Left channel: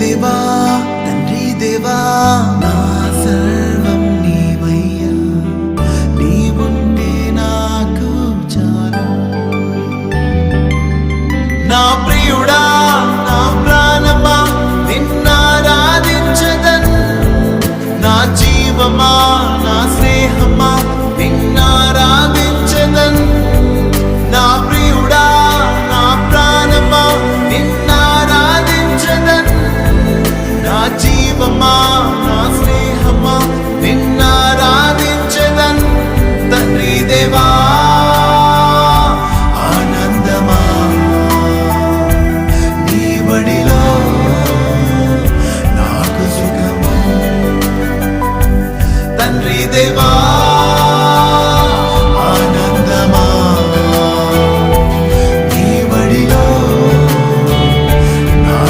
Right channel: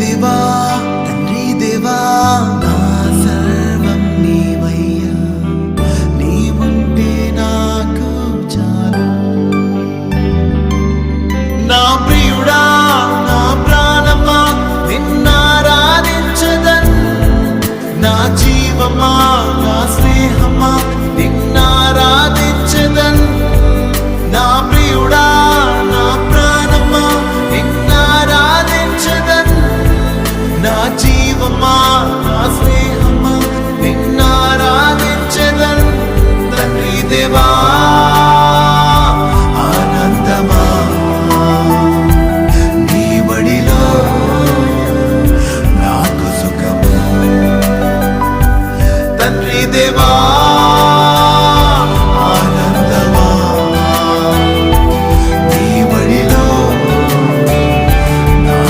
దేవా తండ్రి దేవా నా సర్వం నీవయ్యా, నీవుంటే నాకు చాలు. నా ప్రియుడా నా ప్రాణమా నిన్నారాధించదన్, నా జీవమా నా స్నేహమా నిన్న